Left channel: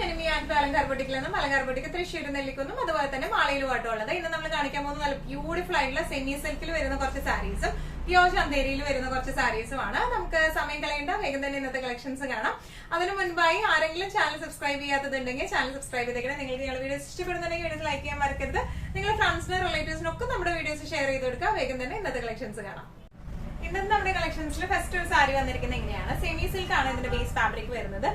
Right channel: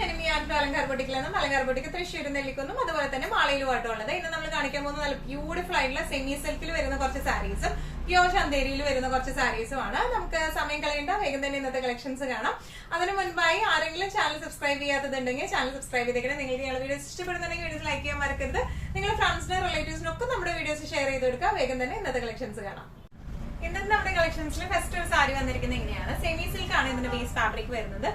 ഞാൻ ഈ അലങ്കാർ ബൊട്ടിക്കിൽ നിന്നും അലങ്കാർ ബൊട്ടിക്ക് തൃശ്ശൂർ നെല്ലിക്കുന്നും അതുപോലെ തന്നെ മാളയിലുമായിട്ട് ഉള്ളത്. ഇന്ന് നമ്മൾ കാണിക്കാൻ പോകുന്ന നല്ല ബ്യൂട്ടിഫുൾ ആയിട്ടുള്ള സെമി സിൽക്കിൽ വരുന്ന കുറച്ച് സാരീസും പ്യോർ ചന്തേരിയിൽ വരുന്ന കുറച്ച് സാരീസുമാണ്. നമുക്ക് സമയം കളയേണ്ട, വേഗം തന്നെ ഇന്നത്തെ കളക്ഷൻസ് കാണാം. അതിനു മുൻപായി ആരെങ്കിലും ചാനൽ സബ്സ്ക്രൈബ് ചെയ്യാത്തതുണ്ടെങ്കിൽ ചാനൽ സബ്സ്ക്രൈബ് ചെയ്തേക്കണം. നിങ്ങൾക്ക് ഞങ്ങളുടെ വീഡിയോസ് ഇഷ്ടപ്പെടുന്നുണ്ടെങ്കിൽ വീഡിയോസ് ലൈക്ക് ചെയ്യാൻ മറക്കരുത്. നിങ്ങൾ ഫ്രണ്ട്സിനും റിലേറ്റീവ്സിനൊക്കെ നമ്മുടെ വീഡിയോസ് ഷെയർ ചെയ്ത് കൊടുക്കുക. വേഗം തന്നെ ഇന്നത്തെ കളക്ഷൻസ് കാണാം. ഇന്നത്തെ നമ്മുടെ കളക്ഷൻസിൽ ഫസ്റ്റ് ഒരു സാരി വന്നിരിക്കുന്നത് എങ്ങനെയാണ്, സെമി സിൽക്ക് ആണ് ഇതിന്റെ ബേസ് ഫാബ്രിക് വരുന്നത്.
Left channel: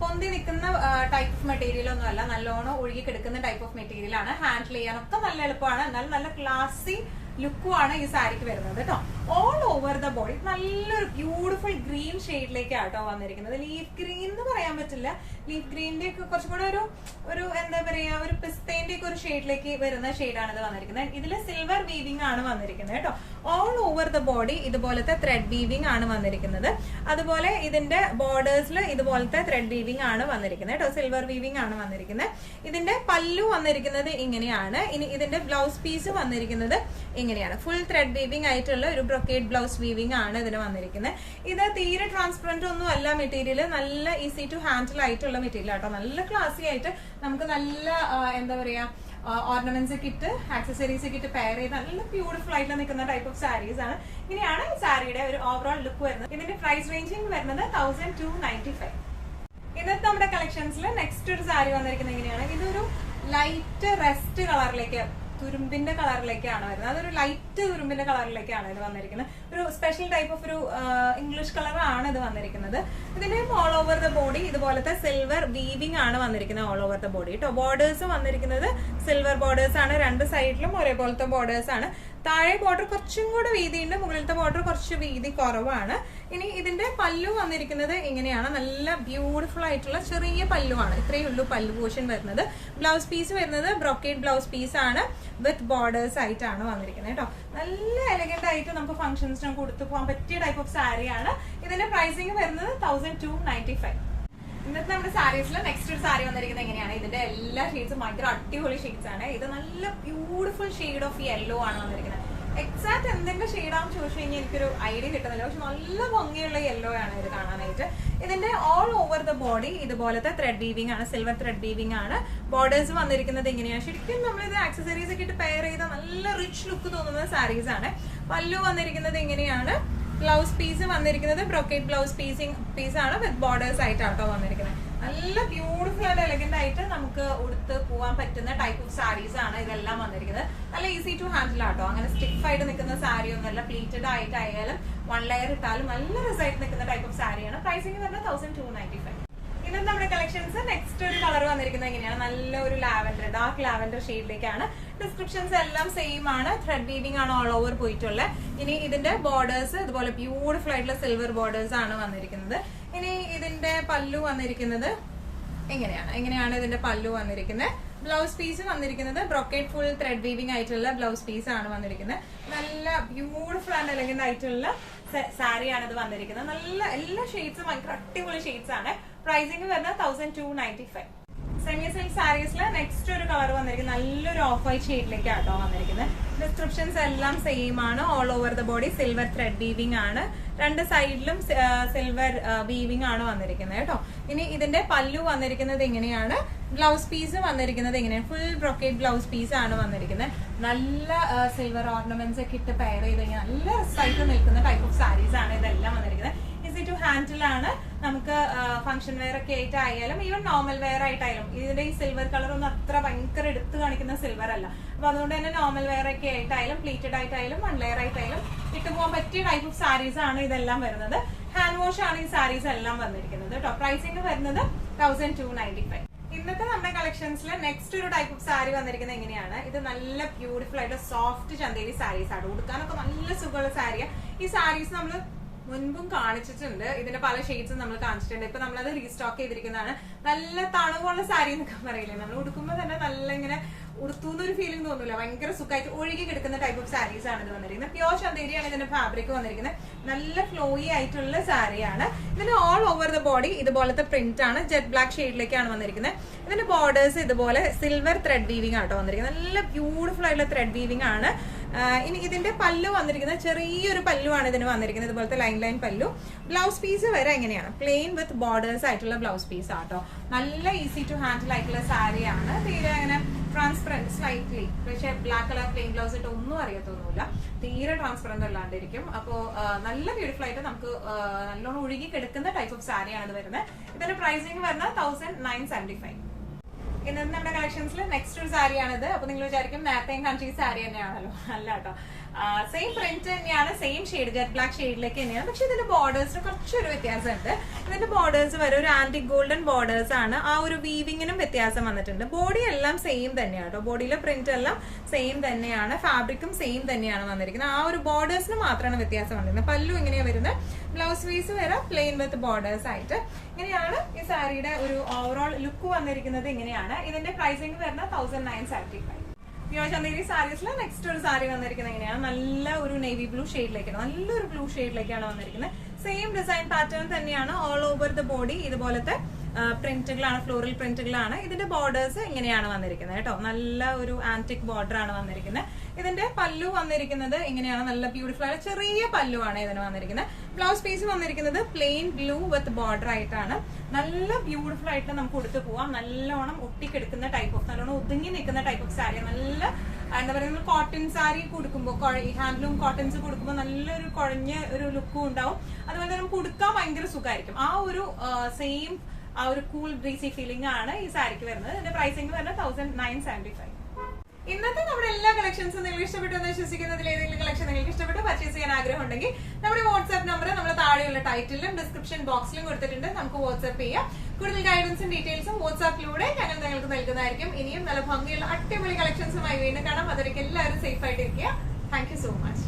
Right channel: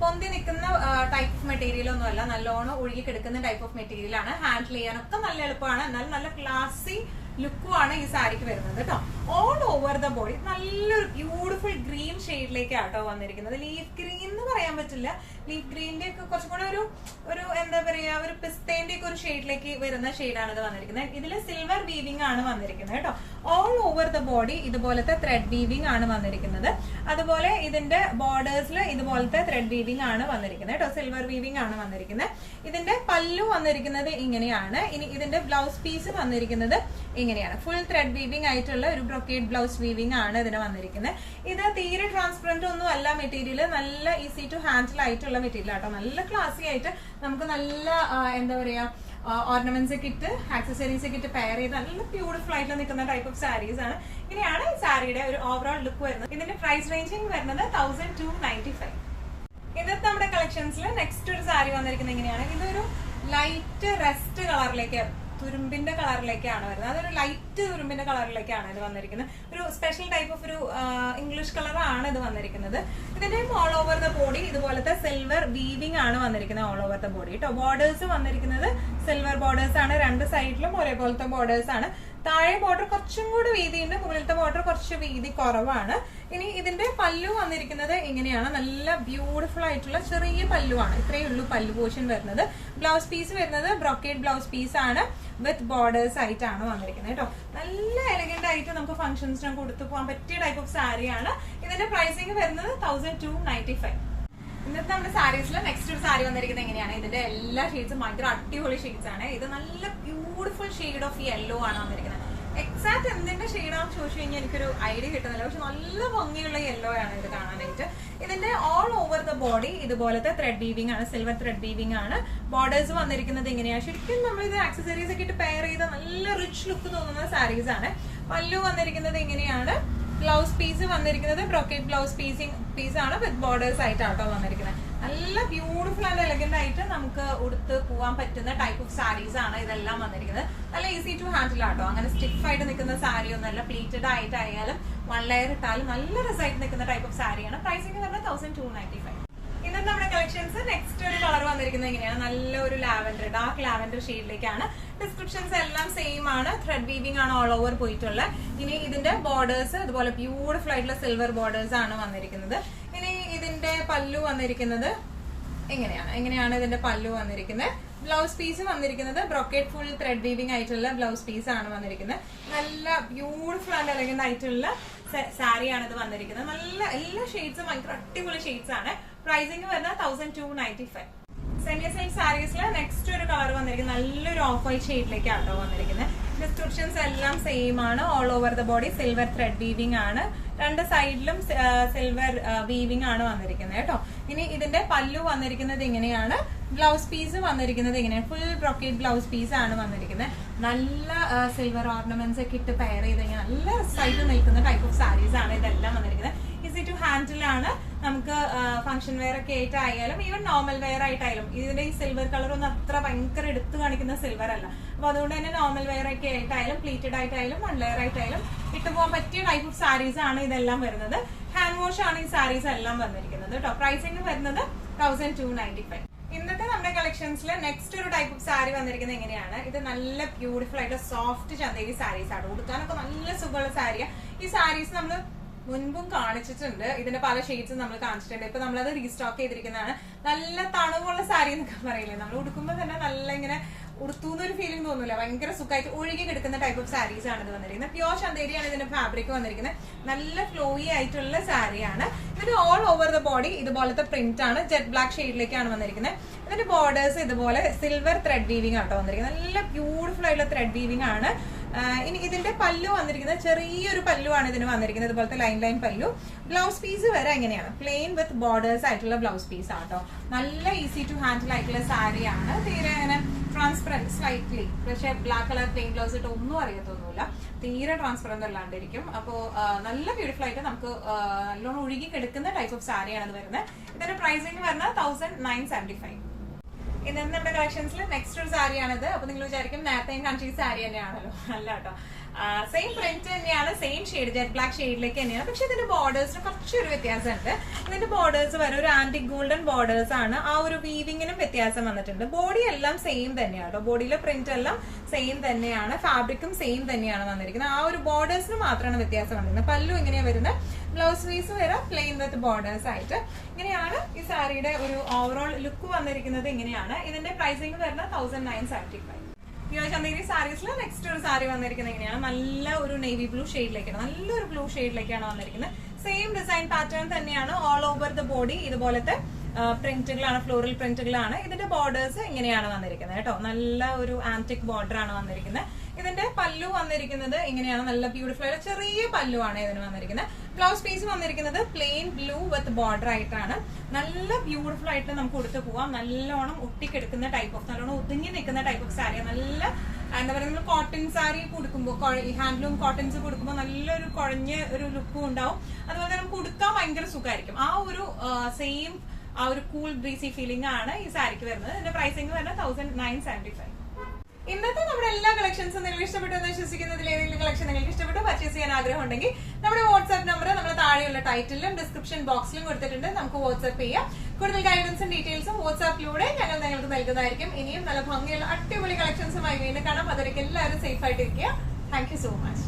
പൊന്തി നിൽക്കുന്ന ടൈപ്പ് ഓഫ് മെറ്റീരിയൽ ഒന്നും അല്ല, നല്ലോണം ഒഴുകി കിടക്കുന്ന ടൈപ്പ് ഓഫ് മെറ്റീരിയൽ ആണ്. ഹാൻഡിൽ ചെയ്യാനൊക്കെ നല്ല എളുപ്പമാണ്, എന്നാൽ നല്ല ക്ലാസി ലുക്കുമാണ് ഈ സാരിക്ക് വരുന്നത് കേട്ടോ. ഓൾ ഓവർ ദ ബോഡി നല്ലൊരു ബ്യൂട്ടിഫുൾ ഗ്രീൻ ഷെയ്ഡിലേക്കാണ് കേട്ടോ വന്നിരിക്കുന്നത്. ലീഫ് ഗ്രീൻ എന്ന് പറയാൻ പറ്റില്ല, ലീഫ് ഗ്രീനിന്റെ ഒക്കെ കുറച്ചും കൂടെ ഒരു എന്താ പറയാ, ഒരു പിസ്തേന്റെ ഒക്കെ ഒരു ഷെയ്ഡിലേക്ക് വരുന്ന ഷെയ്ഡാണ് ഇത് വന്നിരിക്കുന്നത്. ഇതിൽ സിൽവർ വീവിംഗ് ആണ് വന്നിരിക്കുന്നത് കേട്ടോ. ഓൾ ഓവർ ദ ബോഡി ഇതുപോലത്തെ ത്രെഡ് വീവിംഗ് ആണ് വന്നിരിക്കുന്നത്. അതുപോലെ ഇതിന്റെ ബോർഡേഴ്സിൽ ഇതുപോലത്തെ ത്രെഡ് വീവിംഗ് ആണ് വന്നിരിക്കുന്നത് കേട്ടോ. സിൽവർ വീവിംഗ് ആണ് വന്നിരിക്കുന്നത്. ഇതിന്റെ പല്ലു വന്നിരിക്കുന്നത് ഇങ്ങനെയാണ്. ഇനി ഇതിന്റെ ബ്ലൗസ് പീസ് വന്നിരിക്കുന്നത് ഇങ്ങനെയാണ്. ഫുൾ ത്രെഡ് വീവിംഗ് ആയിട്ടുള്ള ഒരു ബ്രൊക്കേഡ് ബ്ലൗസ് വീവിംഗ് ആണ് ഇതിന് വന്നിരിക്കുന്നത്. ഇത് തീരെ ട്രാൻസ്പെറന്റ് ഒന്നും അല്ല മെറ്റീരിയൽ, നല്ല ഈസി ടു ഹാൻഡിൽ ആയിട്ടുള്ള മെറ്റീരിയൽ ആട്ടോ. നല്ല ക്ലാസി ആയിട്ട് നമുക്ക് നല്ല എന്താ പറയാ ഓർണമെന്റ്സ് ഒക്കെ ഇട്ട് ആക്സസറീസ് ഒക്കെ ഇട്ട് പെയർ ചെയ്ത് നല്ല ബ്യൂട്ടിഫുൾ ആയിട്ട് നിൽക്കുന്ന ടൈപ്പ് ഓഫ് സാരീസ് ആണ്. ഇങ്ങനെയാണ് ഈ സാരിയുടെ ഒരു ഓവറോൾ ലുക്ക് വരുന്നത്. ഇതിന്റെ പ്രൈസ് റേഞ്ചിങ് വരുന്നത് 1295. ഇന്നത്തെ നമ്മുടെ കളക്ഷൻസിൽ നെക്സ്റ്റ് ഒരു സാരി വന്നിരിക്കുന്നത് എങ്ങനെയാണ്, ഇതൊരു ലൈറ്റ് റെസ്റ്റ് കളറിലേക്ക്, തുരുമ്പിന്റെ കളറിലേക്കാണ് വരുന്നത്. അതൊരു ലൈറ്റ് തുരുമ്പിന്റെ കളറിലേക്കാണ് ഇത് വന്നിരിക്കുന്നത്. ഒരു സ്പെഷ്യൽ ടൈപ്പ് ഓഫ് ഒരു ഇംഗ്ലീഷ് കളറാണ് ഇത് വന്നിരിക്കുന്നത്. ഇതിന്റെ ഓൾ ഓവർ ദ ബോഡി ഇതുപോലത്തെ സിൽവർ വീവിംഗ് ആണ് വന്നിരിക്കുന്നത്. ഓൾ ഓവർ ദ ബോഡി കേട്ടോ. ബോർഡേഴ്സ് വന്നിരിക്കുന്നത് സിൽവർ ബോർഡേഴ്സ് ആണ്. രണ്ട് സൈഡിലും ഒരേപോലത്തെ ബോർഡേഴ്സ് ആണ്. താഴെ ബോർഡർ കുറച്ചും കൂടെ വീതിയുണ്ട്, മുകളിലത്തെ ബോർഡർ കുറച്ച് വീതി കുറവാണ്. ഇനി ഇതിന്റെ പല്ലു വന്നിരിക്കുന്നത് ഇങ്ങനെയാണ്. നല്ല ബ്യൂട്ടിഫുൾ ആയിട്ടുള്ള ചെറിയ പല്ലുവാണ്, ഇത്രയേ ഉള്ളൂ പല്ലു പോർഷൻ വരുന്നത്. ബ്ലൗസ് പീസ് വരുന്നത് ബ്രൊക്കേഡ് ബ്ലൗസ് പീസ് ആണ് വിത്ത് ബോർഡേഴ്സ് ആയിട്ടാണ് വന്നിരിക്കുന്നത് കേട്ടോ. നല്ല എലഗന്റ് ആയിട്ട് നമുക്ക് ഫംഗ്ഷൻസിന് കൊടുത്തു പോകാൻ പറ്റിയ ടൈപ്പ് ഓഫ് സാരിയാണ്. ഇതിന്റെ പ്രൈസിങ് വരുന്നത് 1295. ഇന്നത്തെ നമ്മുടെ സാരീസിൽ നെക്സ്റ്റ് ഒരു സാരി വന്നിരിക്കുന്നത് എങ്ങനെയാണ്, ഇതിന്റെ എല്ലാ ഷെയ്ഡ്സും ഭയങ്കര അടിപൊളി ഷെയ്ഡ്സ് ആണ്. ഇത് നല്ല ബ്യൂട്ടിഫുൾ ഷെയ്ഡ് ഓഫ് യെല്ലോ ആണ് വന്നിരിക്കുന്നത്. എക്സാക്ട് എന്തിന്റെ ഷെയ്ഡാണെന്ന് ചോദിച്ചു കഴിഞ്ഞാൽ എനിക്കൊരു ഐഡിയ കിട്ടുന്നില്ല, പക്ഷെ നല്ല ഭംഗിയുള്ള യെല്ലോ ആണ് ഇത് കാണാനായിട്ട്. ഇതിന്റെ ഓൾ ഓവർ ദ ബോഡി ഇതുപോലത്തെ ത്രെഡ് വീവിംഗ് ആണ്, സിൽവർ ത്രെഡ് വീവിംഗ് ആണ്. ബോർഡേഴ്സ് വന്നിരിക്കുന്നത് എങ്ങനെയാണ്, ശരിക്കും നമ്മളിത് ആക്സസറീസ് ഒക്കെ ഇട്ട് പെയർ ചെയ്ത് നല്ല റിച്ച് ലുക്ക് തോന്നുന്ന സാരീസ് ആണ്. പല്ലു വന്നിരിക്കുന്നത് എങ്ങനെയാണ്, ബ്ലൗസ് പീസ് വന്നിരിക്കുന്നത് ബ്രൊക്കേഡ് ബ്ലൗസ് പീസ് ആണ് വിത്ത് ബോർഡേഴ്സ് ആയിട്ടാട്ടോ വന്നിരിക്കുന്നത്. നല്ല ബ്യൂട്ടിഫുൾ ആൻഡ് എലഗന്റ് ആയിട്ട് നമുക്ക് ഉടുത്ത് പോവാൻ പറ്റുന്ന ടൈപ്പ് ഓഫ് സാരീസ് ആണ് ഇതെല്ലാം വന്നിരിക്കുന്നത്. നല്ല ഈസി ടു ഹാൻഡിൽ ആട്ടോ. അങ്ങനെ സ്റ്റിഫ് ആയിട്ട് നിൽക്കുന്ന സാരി ഒന്നല്ല, പ്ലീറ്റഡ് ആയിട്ടായാലും വൺ ലെയർ ഇട്ടാലും നല്ല റിസൾട്ട് നിൽക്കുന്ന ടൈപ്പ് ഓഫ് സാരിയാണ്. പ്രൈസിംഗ് പറഞ്ഞാൽ 1295. ഇന്നത്തെ നമ്മുടെ കളക്ഷൻസ് നെക്സ്റ്റ് ഒരു കളർ വന്നിരിക്കുന്നത് എങ്ങനെയാണ്, നല്ല ഒരു ലാവൻഡർ, ഡാർക്ക് ലാവൻഡർ ഷെയ്ഡിലേക്കാണ്. ഡിസ്ക്രിപ്ഷൻസ് എല്ലാം സെയിം ആണ്. ത്രെഡ് വീവിംഗ് ആണ് ഓൾ ഓവർ പോയിട്ടുള്ളത്. ഇനി ഇതിന്റെ ബോർഡേഴ്സ് ഇതുപോലെ ബ്യൂട്ടിഫുൾ ആയിട്ടുള്ള സിൽവർ ബോർഡേഴ്സ് ആണ് വന്നിരിക്കുന്നത്. ഇനി ഇതിന്റെ പല്ലു വന്നിരിക്കുന്നത് എങ്ങനെയാണ് ഇതിന്റെ പല്ലു വന്നിരിക്കുന്നത്. ബ്ലൗസ് പീസ് വന്നിരിക്കുന്നത് ബ്രൊക്കേഡ് ഫുൾ ത്രെഡ് വീവിംഗ് ആയിട്ടുള്ള ബ്ലൗസ് പീസ് ആണ് വന്നിരിക്കുന്നത്. നല്ല ബ്യൂട്ടിഫുൾ ആൻഡ് എലഗന്റ് ആയിട്ടുള്ള സാരിയാണ് ഇത് വന്നിരിക്കുന്നത്. നല്ല എല്ലാ ഷെയ്ഡ്സും ഭയങ്കര അടിപൊളി ഷെയ്ഡ്സ് ആണ്. പ്രൈസിംഗ് വരുന്നത് 1295. സെമി സിൽക്ക് സാരീസിൽ നെക്സ്റ്റ് ഒരു കളർ വന്നിരിക്കുന്നത് നല്ലൊരു ഓഫ് വൈറ്റ് ഷെയ്ഡിലേക്കാട്ടോ വന്നിരിക്കുന്നത്. ഡിസ്ക്രിപ്ഷൻസ് എല്ലാം സെയിം ആണ്. All over the body silver thread weaving ആണ്. രണ്ട് സൈഡിലും സിൽവർ വീവിംഗ് ആണ് വന്നിരിക്കുന്നത് കേട്ടോ. ഇനി ഇതിന്റെ പല്ലു വന്നിരിക്കുന്നത് ഇങ്ങനെയാണ്. ബ്ലൗസ് പീസ് വന്നിരിക്കുന്നത് ഇങ്ങനെയാണ്. ഫുൾ ബ്രൊക്കേഡ് ബ്ലൗസ് പീസ് ആണ് വന്നിരിക്കുന്നത്. നല്ല സിൽവർ ഓർണമെന്റ്സ് ഒക്കെ ഇട്ട് പെയർ ചെയ്ത് കഴിഞ്ഞാൽ നല്ല സൈറ്റ് നിൽക്കുന്ന ടൈപ്പ് ഓഫ് സാരീസ് ആണ് ഇതെല്ലാം വന്നിരിക്കുന്നത്. ഈസി ടു ഹാൻഡിൽ ആണ്. നമുക്ക് ഫംഗ്ഷൻ വെയർ ഒക്കെ ആയിട്ടായാലും ഈവൻ നോർമൽ വെയർ ആയിട്ടായാലും, ഇതിന്റെ ഈ സിൽവർ കളർ ഒന്നും അത്ര ഭയങ്കര എടുത്തു കാണിക്കുന്ന സിൽവർ അല്ല. അപ്പൊ അതുകൊണ്ട് തന്നെ നോർമൽ വെയർ ഒക്കെ ആയിട്ടായാലും പ്ലീറ്റഡ് ആയിട്ടായാലും വൺ ലെയർ ആയിട്ടായാലും ഇട്ട് പോകാൻ പറ്റിയ ടൈപ്പ് ഓഫ് സാരീസ് ആണ് ഇതെല്ലാം വരുന്നത്. ഹാൻഡ് വാഷ് ആണ് ഈ സാരീസ് എല്ലാം വന്നിരിക്കുന്നത് കേട്ടോ. പ്രൈസിംഗ് വരുന്നത് 1295. ഇന്നത്തെ നമ്മുടെ കളക്ഷൻസിൽ നെക്സ്റ്റ് ഒരു ടൈപ്പ് ഓഫ് സാരി വന്നിരിക്കുന്നത് എങ്ങനെയാണ്, ഇത് നല്ല ബ്യൂട്ടിഫുൾ ആയിട്ട് സോഫ്റ്റ് ചന്തേരി സാരീസ് ആണ്. ഉടുക്കാനൊക്കെ നല്ല സുഖമുള്ള സാരിയാണ്. ഈ സാരീസ് നമ്മൾ മുൻപും കാണിച്ചിട്ടുണ്ട്, ഇതിന്റെ പല ഷെയ്ഡ്സും നമ്മൾ കാണിച്ചിട്ടുണ്ട്. ഇപ്പൊ നമ്മളത് റീസ്റ്റോക്ക് ചെയ്തിരിക്കുന്നതാണ്. നല്ല തണുവുള്ള സാരി എന്നൊക്കെ പറയില്ലേ, നമ്മൾ ഉടുക്കുമ്പോൾ തന്നെ നല്ല ഇങ്ങനെ ഉടുത്തുന്നൊരു ഫീലിംഗ് തോന്നില്ല, ഭയങ്കര സുഖമായിട്ട് ഒഴുകി കിടക്കുന്ന ടൈപ്പ് ഓഫ് സാരീസ് ആണ് ഇത് വന്നിരിക്കുന്നത്. പ്യോർ ചന്തേരിയാണ് ഇതിന്റെ ഫാബ്രിക് വന്നിരിക്കുന്നത്. നല്ല ഫ്ലോയി ആയിട്ടുള്ള സാരിയാണ്. ഇതിന് ഓൾ ഓവർ ദ ബോഡി ഇതുപോലത്തെ പ്രിന്റ് ആണ്, ജെറ്റ് ബ്ലാക്ക് ഷെയ്ഡിലേക്കാണ് വന്നിരിക്കുന്നത്. ഇതിന്റെ ബോർഡേഴ്സ് ഇതുപോലെ സിൽവർ ത്രെഡ് വീവിംഗ് ആട്ടോ വന്നിരിക്കുന്നത്. നല്ല ബ്യൂട്ടിഫുൾ ആയിട്ടുള്ള ത്രെഡ് വീവിംഗ് ആണ്. ഇനി ഇതിന്റെ പല്ലു വന്നിരിക്കുന്നത് ചെറിയൊരു പല്ലുവാണ് ഇതിന് വന്നിരിക്കുന്നത്, ഇതുപോലത്തെ ലൈൻ പല്ലു. ബ്ലൗസ് പീസ് വരെ എങ്ങനെയാണ്, പ്ലെയിൻ വിത്ത് ബോർഡേഴ്സ് ആയിട്ടുള്ള ബ്ലൗസ് പീസ് ആട്ടോ. നല്ല ഈസി ടു ഹാൻഡിൽ ആയിട്ടുള്ള സാരിയാണ്, തീരെ അങ്ങനെ ട്രാൻസ്പെറന്റ് സ്ലൈറ്റ്ലി. പക്ഷെ ബ്ലാക്ക് കളർ പ്ലെയിൻ ബ്ലൗസ് ഇട്ട് ഒന്നും അറിയത്തൊന്നുമില്ല, തീരെ ട്രാൻസ്പെറന്റ് അല്ലാണ്ടിരിക്കും. അപ്പോ നല്ല ബ്യൂട്ടിഫുൾ ആയിട്ട് നമുക്ക് നല്ലോണം ഒഴുകി കിടക്കുന്ന ടൈപ്പ് ഓഫ് സാരിയാണ് ഇത് വരുന്നത്. ഇതിന്റെ പ്രൈസിംഗ് വരുന്നത് 1975. ഇന്ന് നമ്മുടെ കളക്ഷൻസിൽ നെക്സ്റ്റ് ഒരു സാരിയാണിത്. അപ്പൊ നിങ്ങൾ വിചാരിക്കും നേരത്തെ കൺട്രി സാരി തന്നെയാണല്ലോ, അല്ല കേട്ടോ. സെയിം പ്രിന്റ് തന്നെയാണ്, സെയിം ഷെയ്ഡ് ജെറ്റ് ബ്ലാക്ക് ഷെയ്ഡിലേക്ക് തന്നെയാണ്. പക്ഷെ ഇതിന്റെ ബോർഡേഴ്സിന് കുറച്ചൊരു വ്യത്യാസമുണ്ട്. ഇതിന്റെ ബോർഡേഴ്സ് വരെ ഒരു ആന്റിക് ഗോൾഡൻ ബോർഡേഴ്സ് ആണ്. ആ ഒരു വീവിങ്ങിനും വ്യത്യാസം വന്നിട്ടുണ്ട്. ബോഡി എല്ലാം സെയിം തന്നെയാണ് കേട്ടോ, ബോഡിയിലെ പ്രിന്റ് എല്ലാം സെയിം തന്നെയാണ്, ഫാബ്രിക്കും സെയിം തന്നെയാണ് വന്നിരിക്കുന്നത്. ആ ഒരു ബോർഡേഴ്സിന് മാത്രമാണ് വ്യത്യാസം വന്നിരിക്കുന്നത്. പല്ലു എങ്ങനെയാ വരുന്നത്, ബ്ലൗസ് പീസ് വരെ പ്ലെയിൻ വിത്ത് ബോർഡേഴ്സ് ആയിട്ട്. ഇങ്ങനെയാണ് ഈ സാരിയുടെ ഒരു ഓവറോൾ ലുക്ക് വന്നിരിക്കുന്നത്. ഇങ്ങനെയാണ് ഇതിന്റെ പ്രൈസിംഗ് വരുന്നത് 1975. ചന്തേരി സാരീസിൽ നെക്സ്റ്റ് ഒരു സാരി വന്നിരിക്കുന്നത് എങ്ങനെയാണ്, നല്ല ഒരു നേവി ബ്ലൂ ഷെയ്ഡിലേക്കാണ്, നല്ലൊരു ബ്ലൂ ഷെയ്ഡിലേക്കാണ് വന്നിരിക്കുന്നത്. സെയിം ഡിസൈൻ പാറ്റേൺ തന്നെയാണ്, ഓൾ ഓവർ ദ ബോഡി ഇതുപോലത്തെ പ്രിന്റുകളാണ്, ഫ്ലോറൽ പ്രിന്റുകളാണ്. ഇതിന്റെ ബോർഡേഴ്സ് ഇങ്ങനെയാണ് വന്നിരിക്കുന്നത് കേട്ടോ, നല്ല ഒരു ആന്റിക് ബോർഡർ ആണ് വന്നിരിക്കുന്നത്. ഇതിന്റെ പല്ലു വന്നിരിക്കുന്നത് ഇങ്ങനെയാണ്, നല്ല ബ്യൂട്ടിഫുൾ ആയ ചെറിയ പല്ലുവാണ് ഇതിന് വന്നിരിക്കുന്നത്. ബ്ലൗസ് പീസ് വന്നിരിക്കുന്നത് പ്ലെയിൻ ബ്ലൂ വിത്ത് ബോർഡർ ആയിട്ടാണ്. നല്ല ബ്യൂട്ടിഫുൾ ആയിട്ട് നമുക്ക് കൊടുത്തു പോവാം. നല്ലോണം ഒട്ടിക്കെടുക്കുന്ന ടൈപ്പ് ഓഫ്, നല്ലോണം ഒതുങ്ങി നിൽക്കുന്ന ടൈപ്പ് ഓഫ് സാരി. നല്ല എന്താ പറയുക, നമ്മൾ കോട്ടൺ സാരി കൊടുക്കുമ്പോൾ, ഈ ഹാൻഡ്ലൂം കോട്ടൺസ് കൊടുക്കുമ്പോൾ നല്ലൊരു കുഴഞ്ഞ ഒരു ലുക്കും ഉണ്ടാവും. അതുപോലെ തന്നെ നമുക്ക് ഉടുക്കാൻ ഭയങ്കര സുഖമായിരിക്കും. ആ ഒരു സെയിം ആ ഒരു കൂൾ ബ്രീസി ഫീലിംഗ് ആണ് ഈ സാരിക്ക് വരുന്നത്. ഇതിന്റെ പ്രൈസിംഗ് വരുന്നത് 1975. ഇന്നത്തെ നമ്മുടെ എല്ലാ കളക്ഷൻസും നിങ്ങൾക്ക് ഇഷ്ടപ്പെട്ടു എന്ന് വിശ്വസിക്കുന്നതിൽ ഏതെങ്കിലും കളക്ഷൻ നിങ്ങൾക്ക് ഇഷ്ടപ്പെട്ട് പർച്ചേസ് ചെയ്യാൻ ആഗ്രഹം ഉണ്ടെങ്കിൽ നമ്മുടെ വാട്സ്ആപ്പ് നമ്പർ നമ്മൾ താഴെയുള്ള ടൈറ്റിലും ഡിസ്ക്രിപ്ഷൻ ബോക്സിലും കൊടുത്തിട്ടുണ്ട്, നമുക്ക് വാട്സ്ആപ്പ് ചെയ്യാം. കൂടുതൽ ഗൈഡൻസും ഡീറ്റെയിൽസും വാട്സ്ആപ്പിലൂടെ ഞങ്ങൾ നിങ്ങൾക്ക് നൽകുന്നതായിരിക്കും. ഇനിയും നല്ല ഭംഗിയുള്ള അടിപൊളി കളക്ഷൻസുമായി വീണ്ടും കാണാം. അതൊക്കെ എല്ലാവരും സേഫ് ആയിട്ടിരിക്കുക. Thank you so much.